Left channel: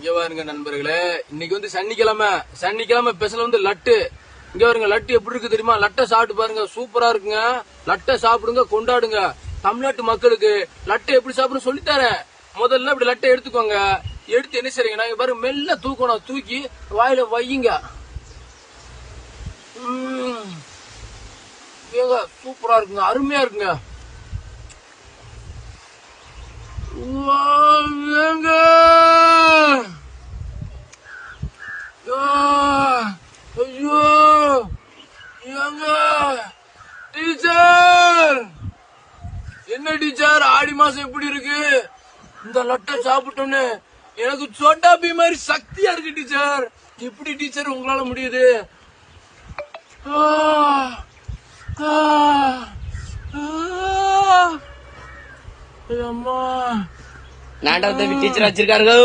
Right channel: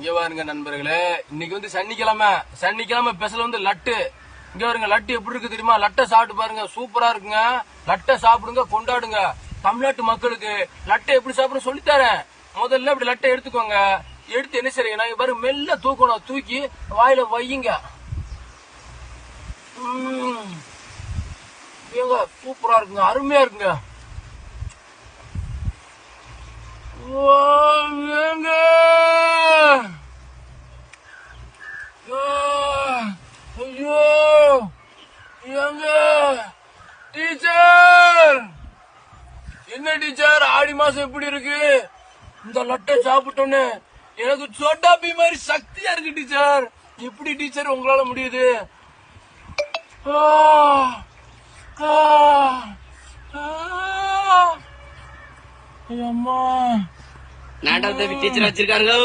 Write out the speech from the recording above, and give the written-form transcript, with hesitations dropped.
இங்க பாருங்க நண்பர்களே, இன்னைக்கு வந்து சனிக்கிழமை ஸ்பெஷல் வந்து லட்டு. இங்க பாருங்க லட்டு எப்படி இருக்கு தெரியுமா? லட்டை சாப்பிட்டு பாருங்க, சூப்பரா இருக்குங்க. லட்டை சாப்பிடுங்க, கொண்டாடுங்க. தமிழ்நாட்டு மக்களுக்கு லட்டை எப்படி சாப்பிட சொல்லித்தரேன். முதல்ல இப்படி லட்டை எடுத்துக்கோங்க. எடுத்து என்ன செய்றீங்கன்னா, இங்க பாருங்க மெல்ல தூக்கணும். தூக்கி வாயில வையுங்க. சூப்பரா இருக்குங்க, அருமையா இருக்குங்க. ஐயோ டீச்சர், என்ன டீச்சர் ஆடி மாசம் எப்படி இருக்கு? இந்த லட்டை சாப்பிட்டோன்னு எனக்கு சோட்டா பீ மாதிரி சக்தியா இருக்கு டீச்சர். எப்படி டீச்சர் உங்களால முடியுது? அம்மா நாடகத்துக்கு டீச்சர் வச்சிருக்காரு.